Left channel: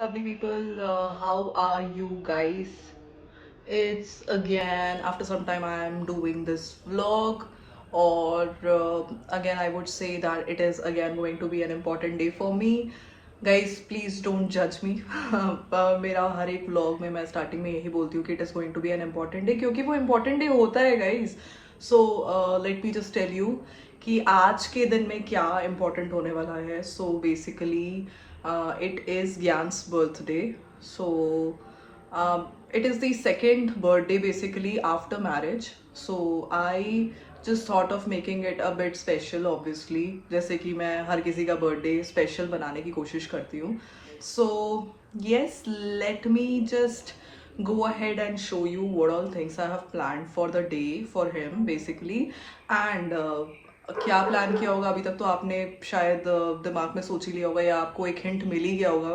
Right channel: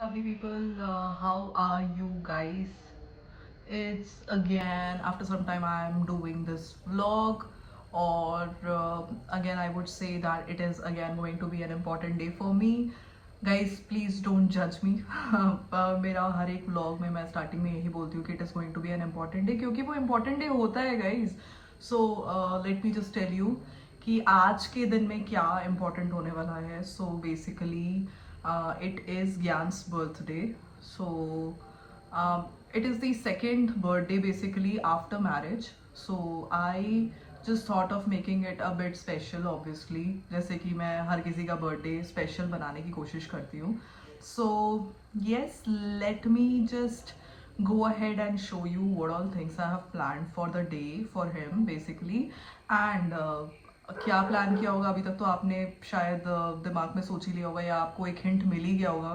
Lovely people, how are you guys? It's again after some time I'm doing this vlog, or again, I would say that it is again going to be an important day for me. Guys, please don't judge me. मेरा हर एक vlog में मैं starting में यही बोलती हूँ कि it is going to be an important day, क्योंकि वो important day होता है guys. So let me just tell you कि आज के दिन में क्या important होने वाला है. So basically it is Gyan's birthday. So it is the second birthday basically after marriage. So I just thought of making it a bit special, obviously. जैसे कि मैं हर किसी का बर्थडे स्पेशल बनाने की कोशिश करती हूँ. So yes, let me just go ahead and show you what all things I have planned for the day for him basically. And क्या प्लान किया होगा अभी तक तो आपने शायद दिमाग में सोच ही लिया होगा, या आपको एक हिंट मिल ही गया होगा,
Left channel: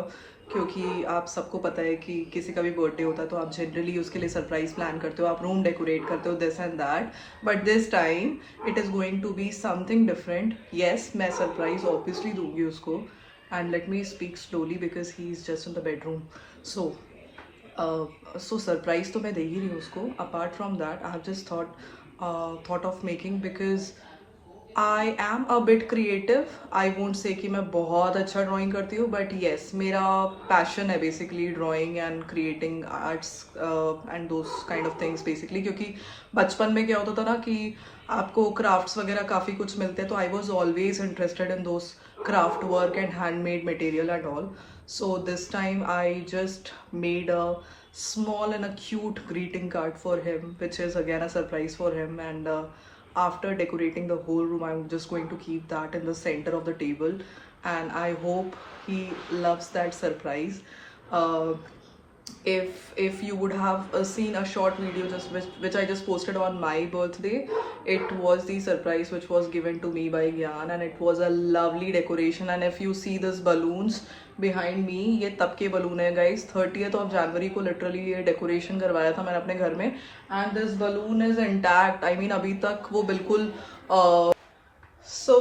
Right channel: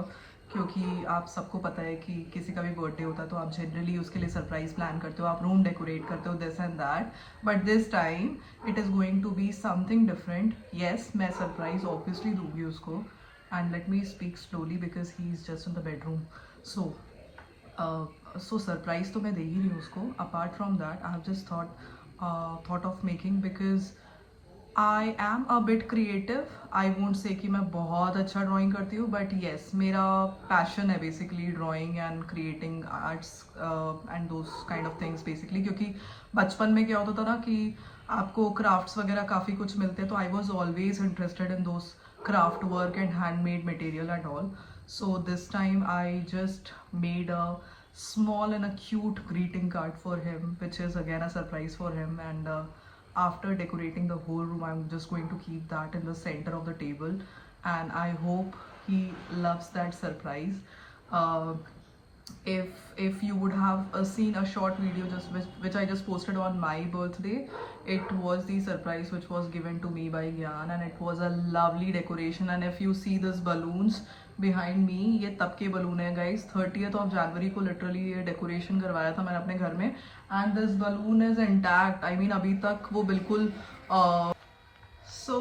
क्योंकि आप सबको पता है कि किसी का भी बर्थडे होता है तो आप जनरली उसके लिए सरप्राइज प्लान करते हो, आप रूम डेकोरेट करते हो, this and that. But this time it is going to be something different. Yes, मैं सरप्राइज ऑब्वियसली दूंगी उसको. And let me speak slowly because he is just in the bedroom. So surprise तो मैं दे ही रही हूँ उसको. Apart from that I have just thought of making, because I am a bit creative. I won't say कि मैं बहुत अच्छा ड्राइंग करती हूँ, बट येस, मेरा पैशन है basically drawing and creating arts and those kind of things basically. क्योंकि बचपन में क्या होता था ना कि आपको क्राफ्ट्स वगैरह काफ़ी कुछ मिलते हैं, तो I was always interested in those craft work and handmade material and all. So this time I just made a small and a cute greeting card for him, which is again a surprise for him. And after decorating the whole room, I'm just going to keep that in the center of the table, and I hope he loves that surprise. uh, if you would have seen a short video just which I just posted on my birthday, it was the surprise which was given to me by Gyan, and it was a lovely decoration. And if you see this balloons behind me, ये तब के balloon है guys. 30th of January को literally ये decoration करवाया था मैंने अपने घर में, and this balloon is intact. I mean अभी तक वो बिल्कुल सो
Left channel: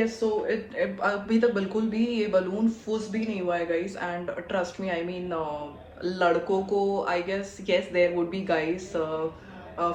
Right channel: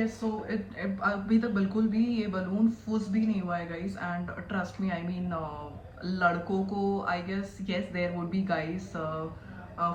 यस, सो इट अभी तक बिल्कुल भी ये बलून फुस भी नहीं हुआ है guys. And trust me, I mean लड़कों को I guess yes there would be guys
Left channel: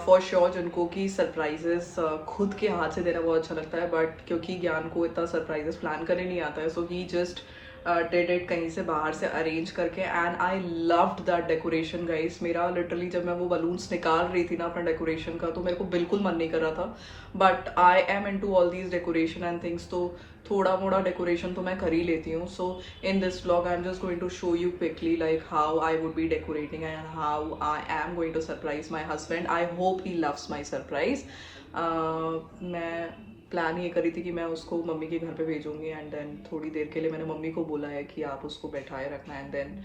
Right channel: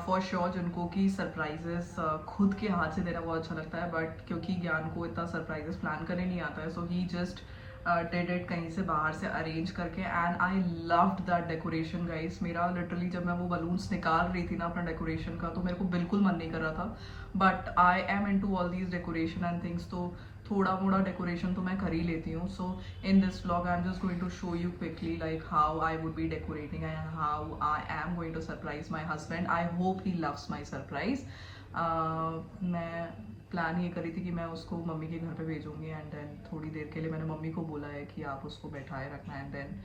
for sure जिनको कि सरप्राइजेस खुद के हाथ से देना बहुत अच्छा लगता है, बट क्योंकि ज्ञान को इतना सरप्राइजेस प्लान करने नहीं आता है, so he just did it कहीं से बाहर से अरेंज करके. And I loved that decoration guys. मेरा लिटरली जब मैं वो बलून्स निकाल रही थी ना अपना डेकोरेशन का, तो मेरे को बिल्कुल मन नहीं कर रहा था. But I am into all these decoration and things, तो थोड़ा मोड़ा डेकोरेशन तो मैं कर ही लेती हूँ. So in this vlog I am just going to show you quickly like how I would be decorating and how I am going to surprise my husband. I hope he loves my surprise. मैं plan ये करी थी कि मैं उसको mummy के घर पे भेजूंगी, एंड देन थोड़ी देर के लिए मैंने मम्मी को बोला है कि आप उसको बैठाए रखना, एंड देन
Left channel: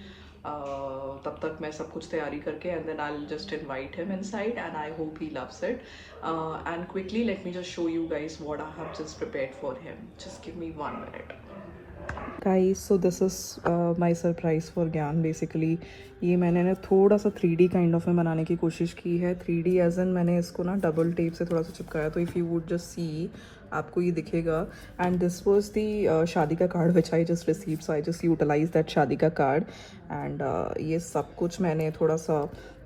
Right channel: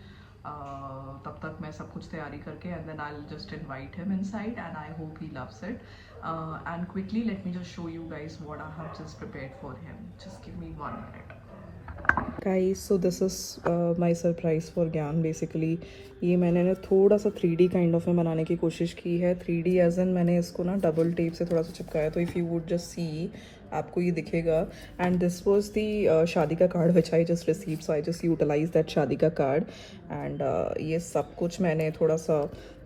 तब तक मैं सब कुछ तैयारी करके, and then I just invite him inside, and I hope he loves it. And quickly let me just show you guys what I have just prepared for him. Just give me 1 minute. Guys, so this is my surprise for Gyan basically. ये मैंने ना थोड़ा सा 3D kind of में बनाने की कोशिश की है. 3D एज एन मैंने इसको ना डबल टेप से थोड़ा सा चिपकाया, तो if you would just see आपको ये दिखेगा. एंड दिस वॉज दी शादी का card which I just receive, so I just utilise that शादी का कार्ड. एंड ये सब कुछ मैंने थोड़ा सा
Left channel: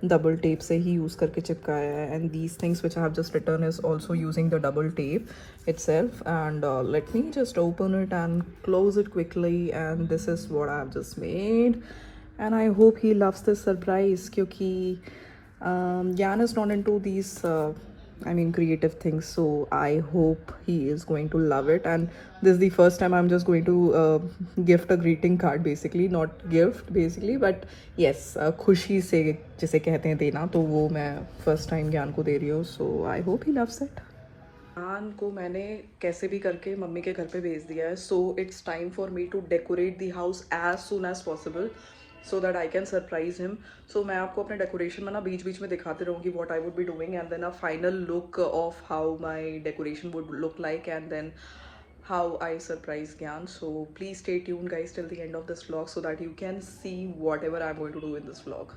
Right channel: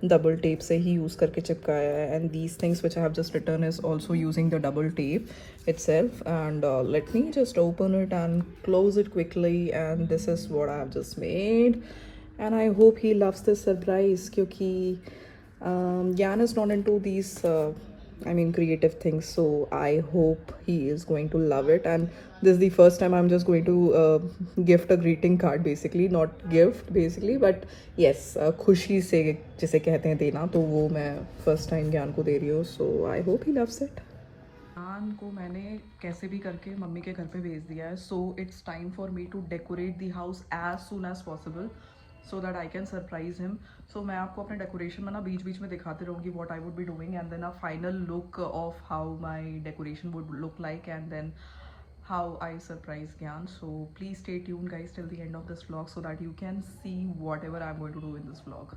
डबल टेप से ही यूज़ करके चिपकाया है. And these things which I have just return is also using the double tape itself. And let me just open it and close it quickly, and this is what I have just made. And I hope he loves this surprise, क्योंकि Jan is not into these I mean creative things, so I hope he is going to love it. And this is the first time I'm just going to gift a greeting card basically, not gift basically, but yes, खुशी से जिसे कहते हैं देना, तो वो मैं first time ज्ञान को दे रही हूँ. So I hope he loves it. Khan को मैंने कैसे भी करके मम्मी के घर पे भेज दिया है. So it's time for me to decorate the house as soon as possible so that I can surprise him. So मैं आपको अपने डेकोरेशन में ना बीच बीच में दिखाते रहूँगी what I would be doing, and then a final look of how my decoration would look like, and then how I surprise Gyan. So please stay tuned guys till the end of this vlog so that you can see whatever I'm going to do in this vlog.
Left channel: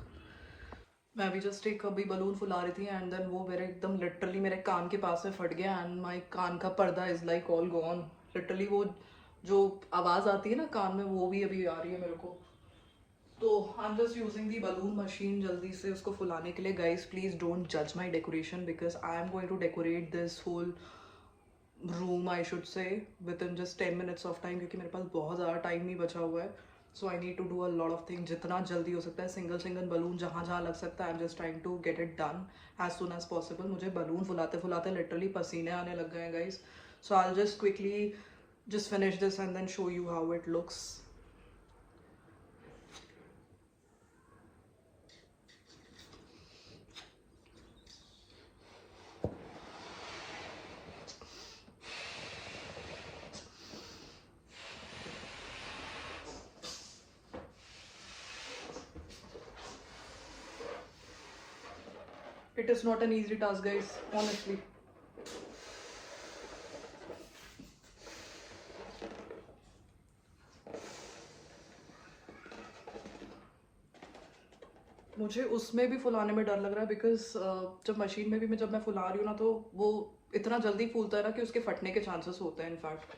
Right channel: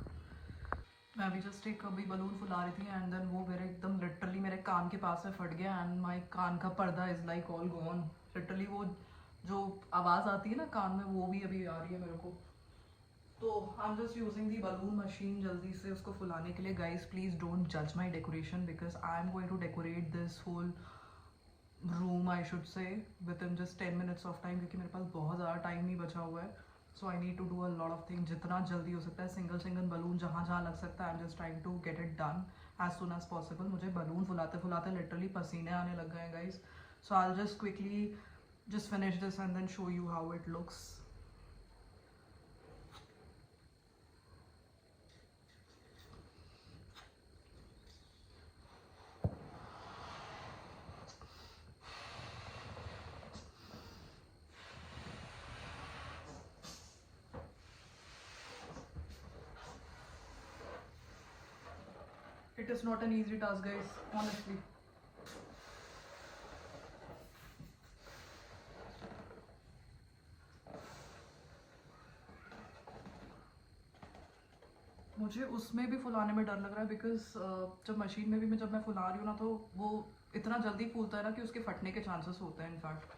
मैं अभी just एक अभी balloon फुला रही थी, and then वो मेरे एकदम लिटरली मेरे कान के पास में फट गया, एंड माई कान का पर्दा is like all gone. Literally वो जो आवाज़ आती है ना कान में, वो भी अभी आ रही है मेरे को. तो I am just using the balloon machine जल्दी से उसको फुलाने के लिए. गाइज प्लीज डोंट जज my decoration because I am going to decorate this whole room I should say within just 10 minutes of time, क्योंकि मेरे पास बहुत ज़्यादा टाइम नहीं बचा हुआ है. So I need to do a lot of thing. जितना जल्दी हो सकता है सिंगल सिंगल बलून जहाँ जहाँ लग सकता है, I am just trying to get it done as soon as possible. मुझे बलून फुलाते फुलाते लिटरली पसीने आने लग गए हैं guys. So I just quickly just finish this and then show you how it looks. It is not an easy task, guys, honestly. मुझे उसमें भी फुलाने में डर लग रहा है बिकॉज जब मशीन में भी जब मैं फुला रही हूँ ना तो वो इतना जल्दी फूलता है ना कि उसके फटने के चांसेस होते हैं इनफैक्ट.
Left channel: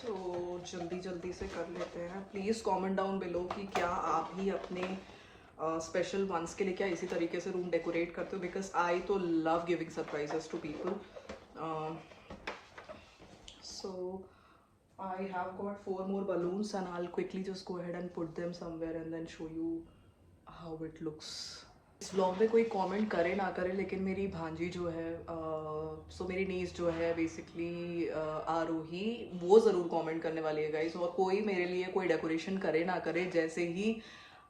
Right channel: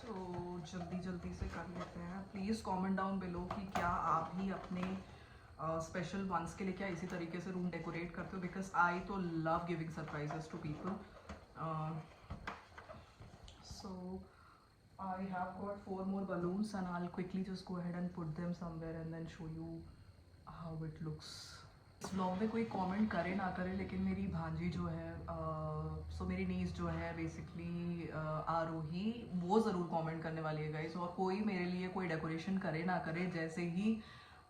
सो जल्दी जल्दी से कर लेते हैं. प्लीज़ कमेंट डाउन बिलो कि क्या आप ही अपने स्पेशल वंस के लिए क्या इसी तरीके से रूम डेकोरेट करते हो, बिकॉज आई तो love giving surprises to people. So I have got 4 more balloons and I'll quickly just go ahead and put them somewhere and then show you how it looks. इस vlog में कोई comment करे ना करे लेकिन मेरी भांजी जो है सो मेरी नीस जो है बेसिकली आरोही, वो ज़रूर कमेंट करने वाली है गाइस. और कोई मेरे लिए कोई डेकोरेशन करे ना करे, जैसे ही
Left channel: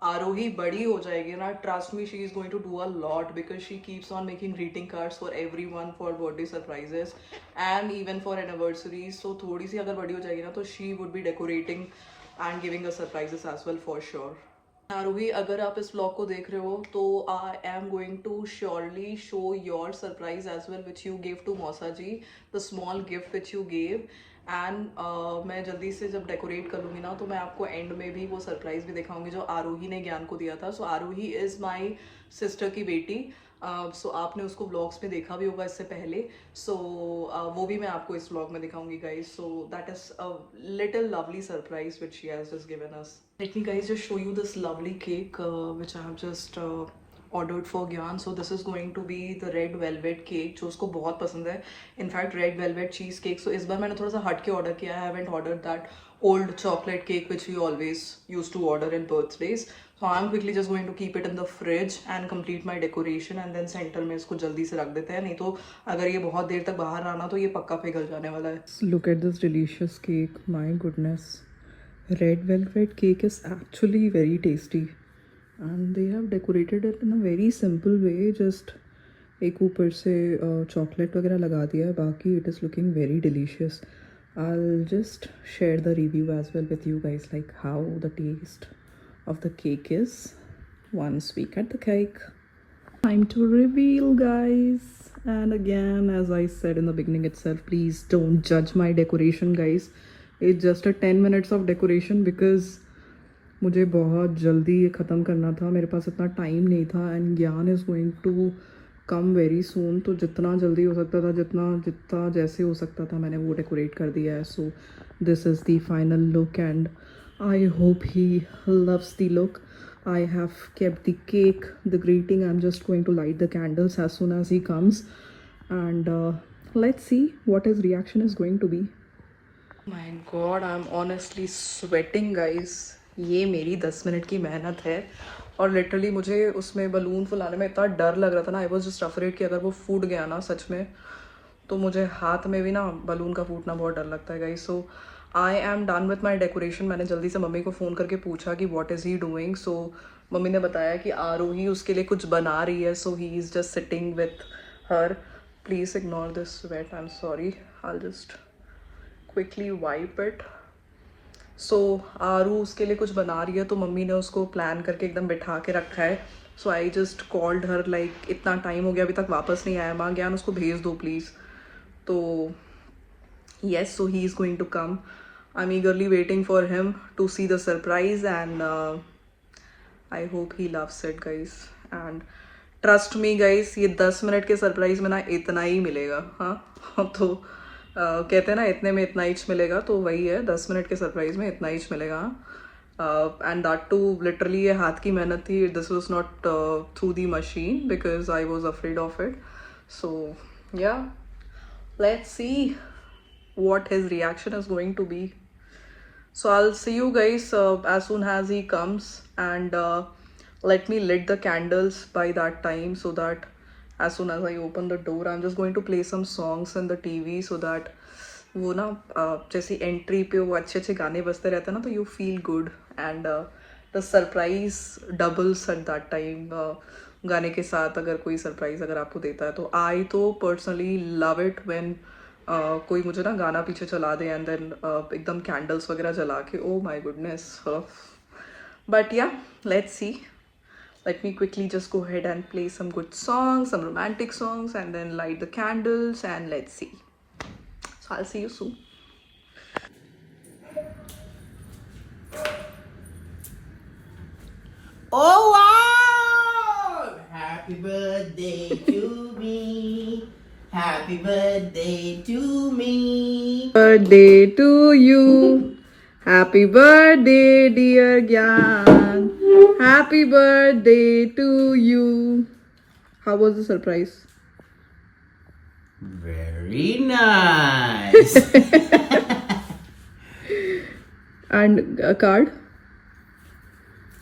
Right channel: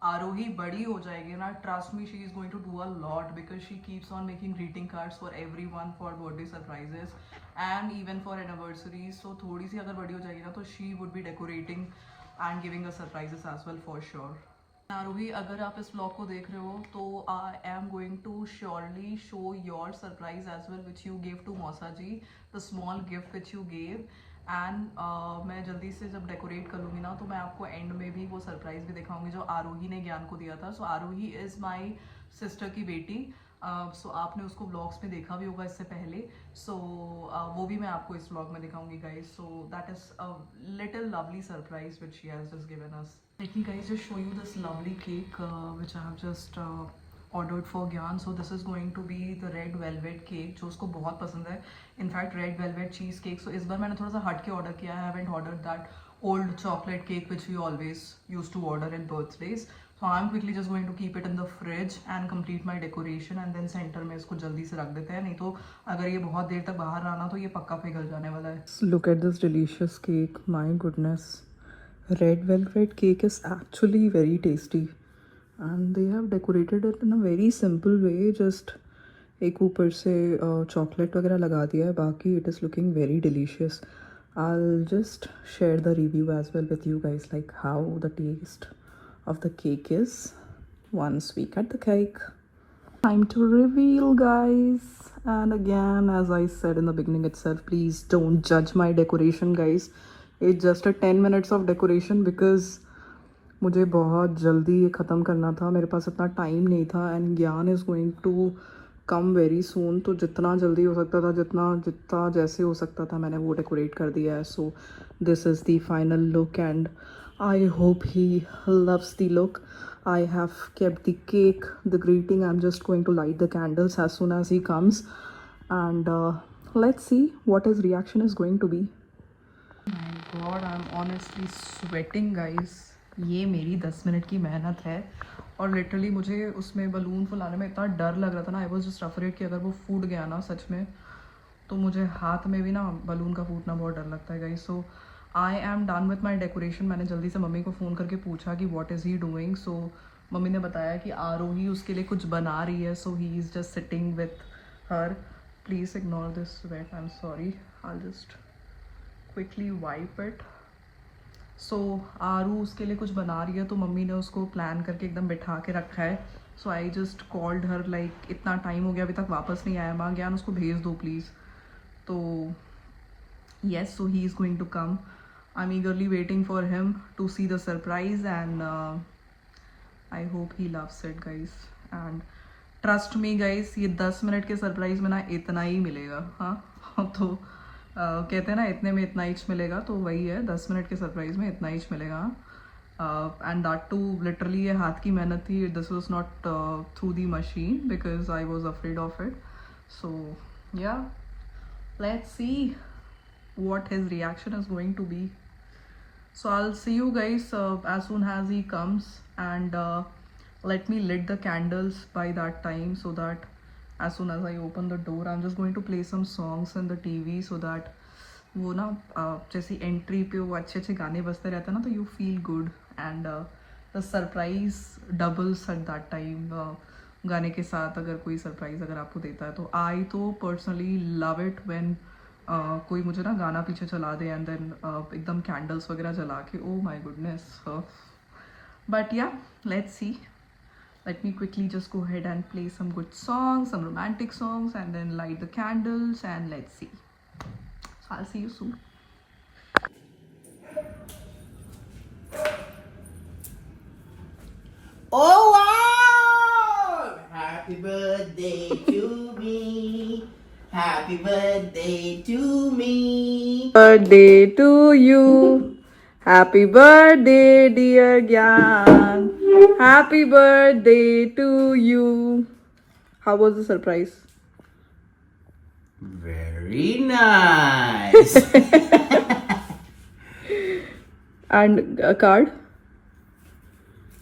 आरोही बड़ी हो जाएगी ना, trust me she is going to do a lot because she keeps on making greeting cards for everyone for birthday surprises and even for anniversaries. So थोड़ी सी अगर बड़ी हो जाएगी ना तो she would be decorating and giving a surprises as well for sure. Aarohi, अगर आप इस ब्लॉग को देख रहे हो तो I am going to surely show your surprise as well which you give to मौसा ji, the small gift which you gave. And मैं जल्दी से जब डेकोरेट कर लूँगी ना तो मैं आपको एंड में भी वो सरप्राइज भी दिखाऊंगी जो आरोही ने ज्ञान को दिया था. सो आरोही इज़ माई सिस्टर की बेटी. सो आपने उसको व्लॉग्स में देखा भी होगा इससे पहले. सो वो भी मैं आपको इस व्लॉग में दिखाऊंगी guys. So that is a little lovely surprise which she has just given us. Let me guys just show you this lovely cake which I have just ordered for Gyan. So this is going to be the red velvet cake जो उसको बहुत पसंद है. In fact red velvet cheese cake. So इस बार मैंने थोड़ा सा हट के order किया है. I haven't ordered that old chocolate cake which we always used to order at birthdays. So I'm quickly just going to keep it in the fridge and complete my decoration and then center में इसको जल्दी से रख देते हैं, नहीं तो अगर ये बहुत देर तक बाहर रहा ना तो ये पक्का पिघल जाने वाला है. Look at this delicious cake, my goodness. Red velvet cake is actually very tasty and they have decorated it in a very simple way. Just एक ऊपर से chocolate वगैरह लगा दिया है, बाकी it is looking very delicious. I'll just share the review as well with you guys, like how the taste of the cake is once we cut the cake. Time to reveal, guys. And again, as I said in the beginning itself, please don't judge my decoration, guys. It's just a 10 minutes of decoration because मुझे बहुत जल्दी ये ख़त्म करना था, मेरे पास इतना time नहीं था. And Gyan is going to come very soon, तो जितना जल्दी हो सकता था, जितना जैसे हो सकता था मैंने वो डेकोरेट कर दिया है. So this is the final look and I hope he loves the look. I have kept the cake, the greeting. I'm just going to light the candles as soon as he comes and let's see what his reaction is going to be. My God, I'm honestly sweating, guys. ये मेरी 10 minute की मेहनत है और literally मुझे उसमें balloon फुलाने में इतना डर लग रहा था ना. आई वॉज जस्ट अफ्रेड कि अगर वो फूट गया ना सच में तो मुझे हाथ में भी ना बलून का फूटना बहुत डर लगता है guys. So I am done with my decoration. मैंने जल्दी से मम्मी को फ़ोन करके पूछा कि what is he doing. So mummy ने बताया कि आरोही उसके लिए कुछ बना रही है. So he is just sitting with her. Please ignore this sweat, I am sorry. I just quickly wipe it. So Aaru उसके लिए कुछ बना रही है तो मम्मी ने उसको प्लान करके एकदम बिठा के रखा है. So I just called her like इतना टाइम हो गया अभी तक वापस नहीं आया, माँ ज्ञान उसको भेज दो प्लीज़. तो yes, so he is going to come. I'm eagerly waiting for him to see the surprise and I hope he loves it, guys. And trust me guys, ये 10 मिनट के सरप्राइज में ना इतना ही मिलेगा. हाँ तो कहते हैं ना इतने में इतना ईच मिलेगा, तो वही है, 10 मिनट के सरप्राइज में इतना ईच मिलेगा। एंड दैट टू लिटरली ये हाथ की मेहनत थी, this was not through the machine because I was afraid of it. So yeah, let's see what his reaction is going to be. So I'll see you guys as soon as he comes, and let me lit the candles by that time, so that as soon as I open the door I'm just going to play some songs in the TV, so that वो ना जैसे entry पे वो अच्छे अच्छे गाने बजते रहते हैं ना, तो you feel good, and the surprise doubles at that time. गाने के साथ अगर कोई सरप्राइज अगर आपको देता है, तो आई तो पर्सनली लव इट व्हेन कोई मुझे ना गाना पीछे चला दे एंड देन एकदम कैंडल्स वगैरह जला के, ओ माय गुडनेस। बट या, let's C, let me quickly just go ahead and play some good songs, some romantic songs, and then light the candles, and let's see. So I'll see you soon. Oh wow! Happy birthday to me. Happy birthday to me. Birthday to you. Happy birthday, dear Gyan. Happy birthday to you. How was the surprise? Very nice. And a card?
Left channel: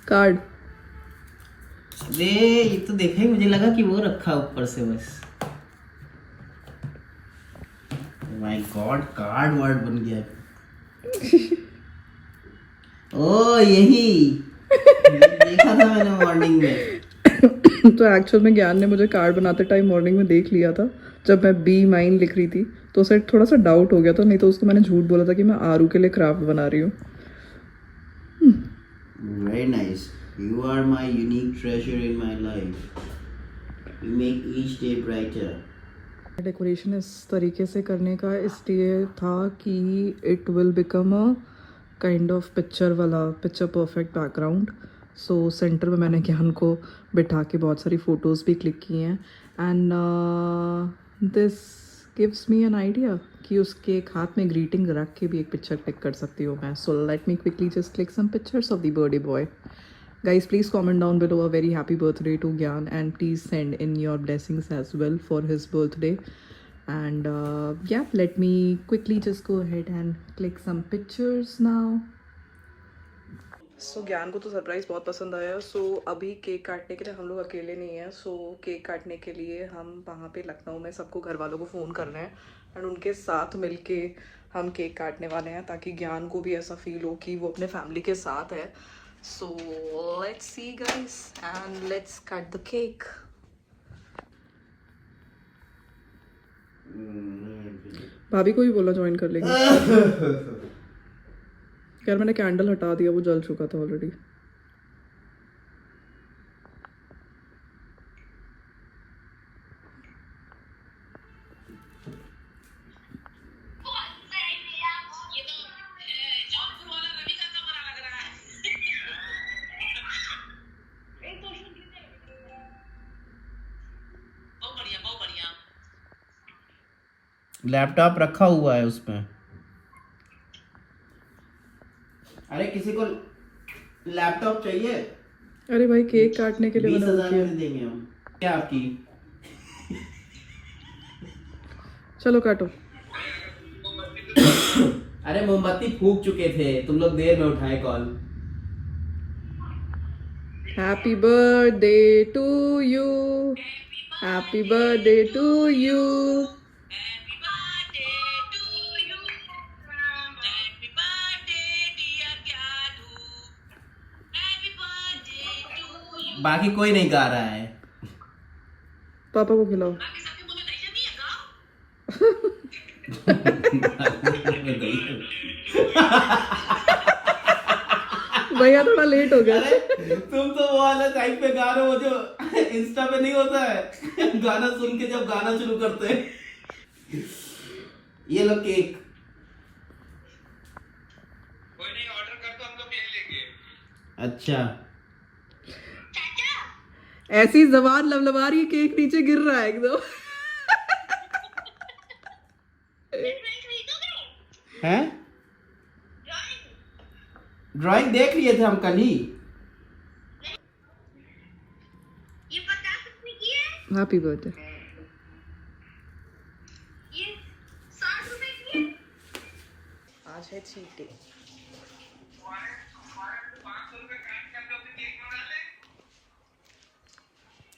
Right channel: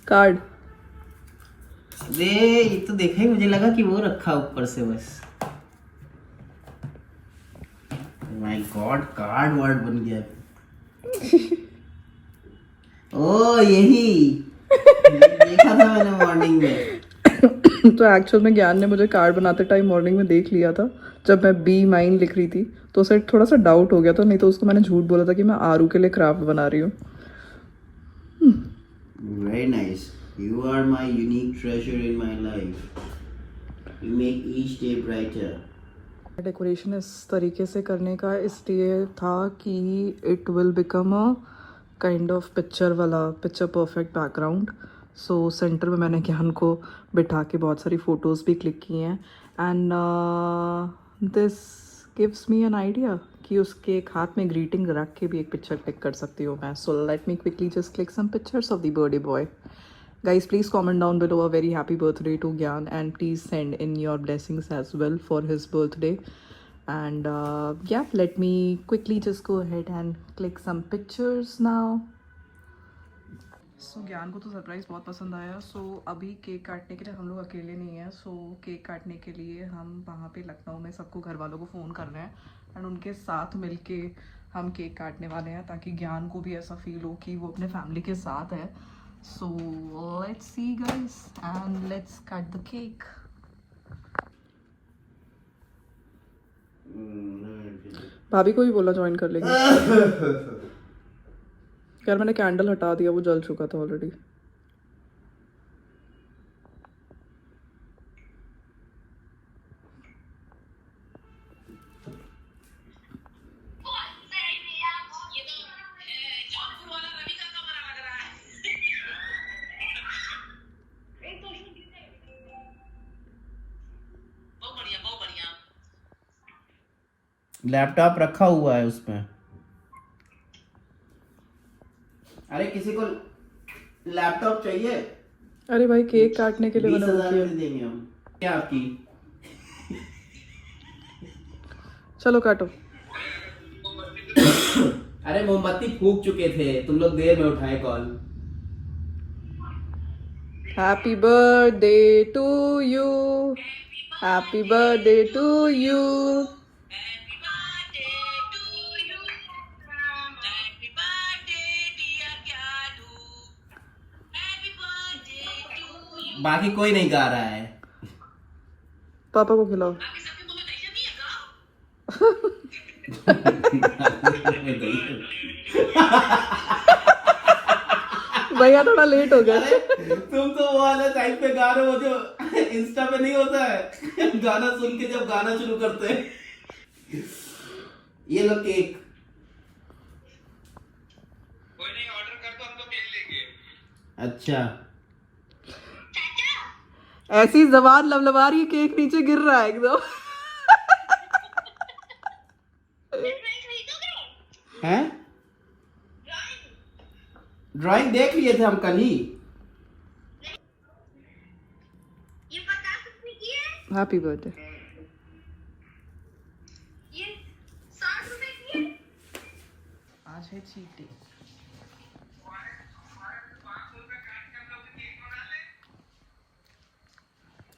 Card. अरे ये तो देखा ही, मुझे लगा कि वो रखा ऊपर से बस। माय गॉड, कार्ड वर्ड बन गया। ओ यही देखा था मैंने मॉर्निंग में। तो एक्चुअल में ज्ञान ने मुझे कार्ड बनाते टाइम मॉर्निंग में देख लिया था, जब मैं बी माइन लिख रही थी, तो उसे थोड़ा सा डाउट हो गया था, नहीं तो उसको मैंने झूठ बोला था कि मैं आरू के लिए क्राफ्ट बना रही हूँ। Very nice. You are my unique treasure in my life. You make each day brighter. Decoration इस तरीके से करने का इसलिए था कि it will become a kind of picture perfect background. So centre में मैंने ज्ञान को बिठा के बहुत सारी फ़ोटोज़ भी क्लिक की हैं, and this gives me an idea कि उसके एक हाथ में ग्रीटिंग रख के भी एक पिक्चर क्लिक कर सकती हूँ मैं। So let me quickly just click some pictures of the birthday boy. Guys, please comment down below a very happy birthday to Gyan, and please send in your blessings as well for his birthday. And yeah, let me quickly just go ahead and click some pictures now. So ज्ञान को तो surprise बहुत पसंद आया। सो अभी cake काटने के लिए हम लोग अकेले नहीं हैं। सो केक काटने के लिए हम वहाँ पे लखनऊ में सबको घर वालों को फ़ोन कर रहे हैं, एंड उनके साथ मिलके हम केक काटने वाले हैं, ताकि ज्ञान को भी ऐसा फील हो कि वो अपने फैमिली के साथ है। So let's see guys, and let's cut the cake. भाभी को भी बोला ज्वाइन कर लेंगे। यार मैंने कैंडल हटा दिया, वो जल चुका था ऑलरेडी। लैपटॉप रखा हुआ है उसमें। अरे किसी को लैपटॉप चाहिए? अरे भाई केक काटने के लिए 20,000 में देंगे हम। क्या आपकी? चलो काटो। अरे मोमबत्ती फूक चुके थे, तुम लोग देर में उठाए call. Happy birthday to you, happy birthday to you. बाकी कोई नहीं गा रहा है। पापा को खिलाओ। भैया थोड़ा लेट हो गया। तुम तो वो वाला टाइम पे गा रहे हो जो इंस्टा पे नहीं होता है, गाना सुन के जब गाना शुरू करते हैं। ये लो केक। कोई नहीं, ऑर्डर कर दो, हम तो केक लेंगे। अच्छा, ऐसी जबान लबलबा रही, केक नीचे गिर रहा है एकदम। हैं? ड्राइंग देख लिए थे हम कल ही। ये 50 रुपए की है, हैप्पी बर्थडे। ये 60 रुपए की है। आज है चीट डे।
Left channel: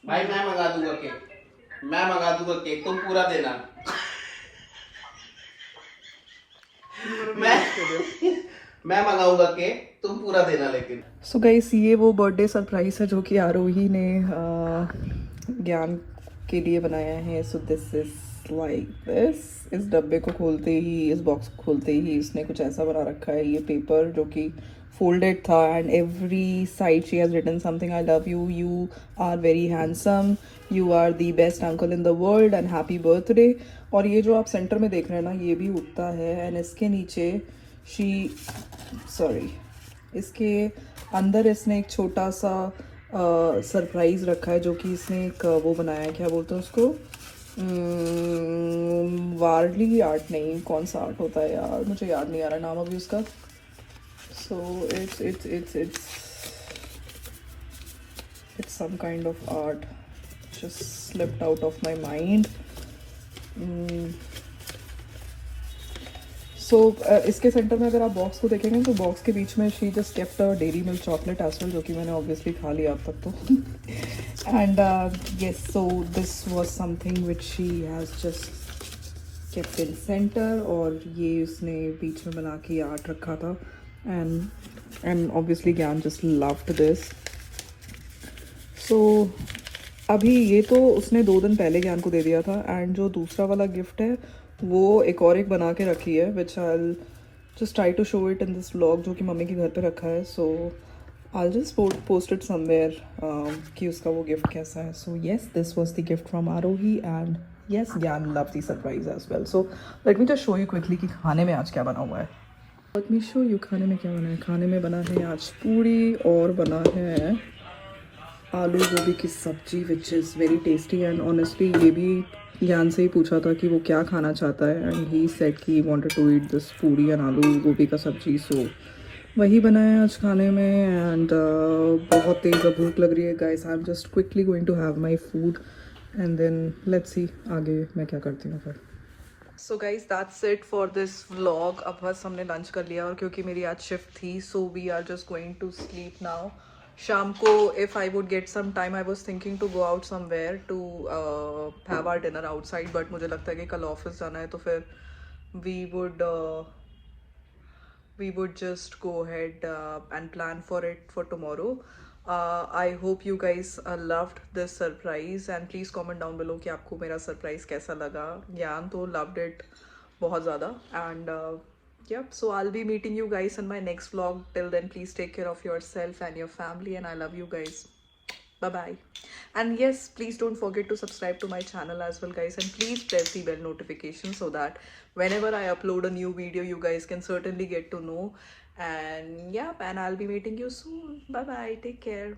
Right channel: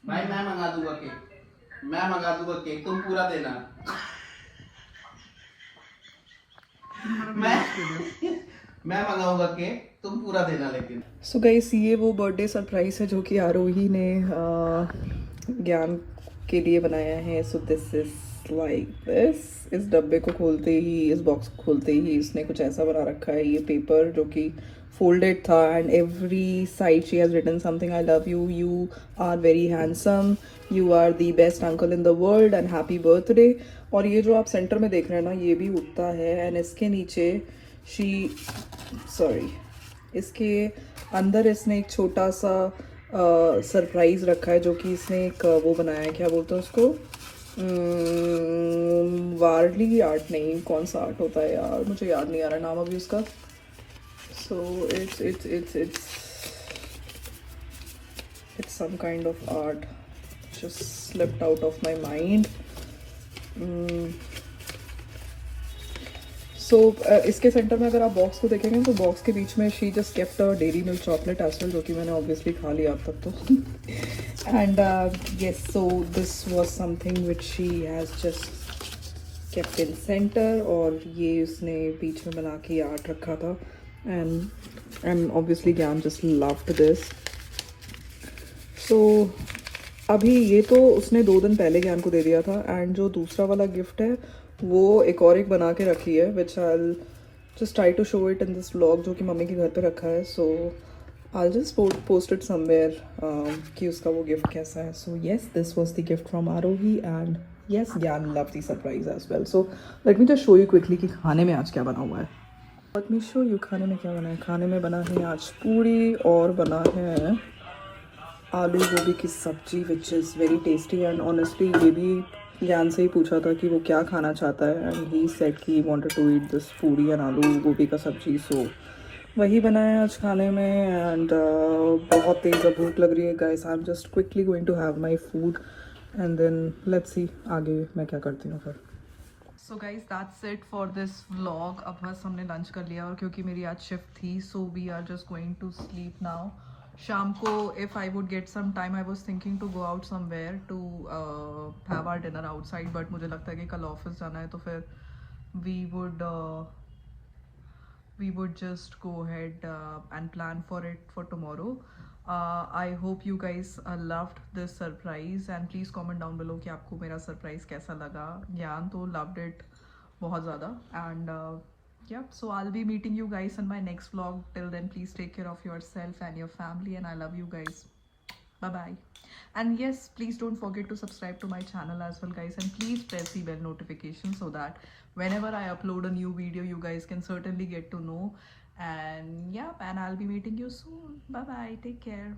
भाई मैं मंगा दूंगा केक, मैं मंगा दूंगा केक, तुम पूरा देना। मैं मंगाऊंगा केक, तुम पूरा देना लेकिन। सो गाइस, ये वो बर्थडे सरप्राइज है जो कि आरोही ने ज्ञान के लिए बनाया है। So this is like this. इस डब्बे को खोलते ही, इस बॉक्स को खोलते ही इसने कुछ ऐसा बना रखा है। ये पेपर जो कि फोल्डेड था and every side she has written something, I love you, you are very handsome, you are the best uncle in the world and happy birthday. और ये जो आप सेंटर में देख रहे हैं ना, ये भी उठता है एंड इसके नीचे इसके अंदर इसने एक छोटा सा सरप्राइज रखा है जो कि इसने एक वो बनाया है, क्या बोलते हैं उसको, वारली आर्ट, नहीं कौन सा आर्ट होता है यार, मुझे याद नहीं आ रहा नाम अभी उसका। सो it's some kind of art, just slipped out of my mind. सो इसके सेंटर में अगर आप बॉक्स को देखेंगे तो बॉक्स के बीच में she just kept a dairy milk chocolate as well, जो कि मैंने ऑब्वियसली खा लिया अब तक तो। And yes, so this was something which she has just kept in centre, और ये उसने बीच में बना के आर्ट रखा था एंड ऑब्वियसली ज्ञान जस्ट लव्ड दिस। सो अभी ये तो उसने 2 दिन पहले ज्ञान को दे दिया था, एंड जो दूसरा वाला गिफ्ट है वो एक और एक बना के रखी है, which I just try to show it in this vlog, जो कि मम्मी के घर पे रखा है। So I just post it somewhere कि उसका वो गिफ्ट कैसा है। So yes, this was the gift from Aarohi and yes, Gyan love the surprise as well. So let me just show you quickly कि खाने में आज क्या बना हुआ है। लेट मी शो यू खाने में क्या बना है। खाने में बना है आज पूरी और बना है आलू गोभी की सब्जी, which is very tasty and honestly ये भी ज्ञान से ही पूछा था कि वो क्या खाना चाहता है एंड ही सेड कि वांटेड टू ईट दिस पूरी एंड आलू गोभी का सब्जी। सो वही बनाया आज खाने में एंड बहुत तेज़ भूख लग रही है guys. I am just quickly going to have my food and then let's see आगे मैं क्या करती हूँ फिर। So guys, that's it for this vlog. अब बस हमने लंच कर लिया और क्योंकि मेरी आज शिफ्ट थी, so we are just going to sleep now. शाम को if I would get some time, I was thinking to go out somewhere to have our dinner outside, but मुझे लगता है कि कल ऑफिस जाना है तो फिर we would just go ahead and plan for it for tomorrow. I hope you guys loved this surprise and please comment down below कि आपको मेरा surprise कैसा लगा। ज्ञान तो loved it बहुत ज़्यादा and yeah, so I'll be meeting you guys in my next vlog. Till then, please take care of yourself and your family and I love you guys. Bye bye. And yes, please don't forget to subscribe to my channel as well guys, and please press the bell notification so that whenever I upload a new video you guys can certainly get to know. And yeah, and I'll be meeting you soon. Bye bye, take care.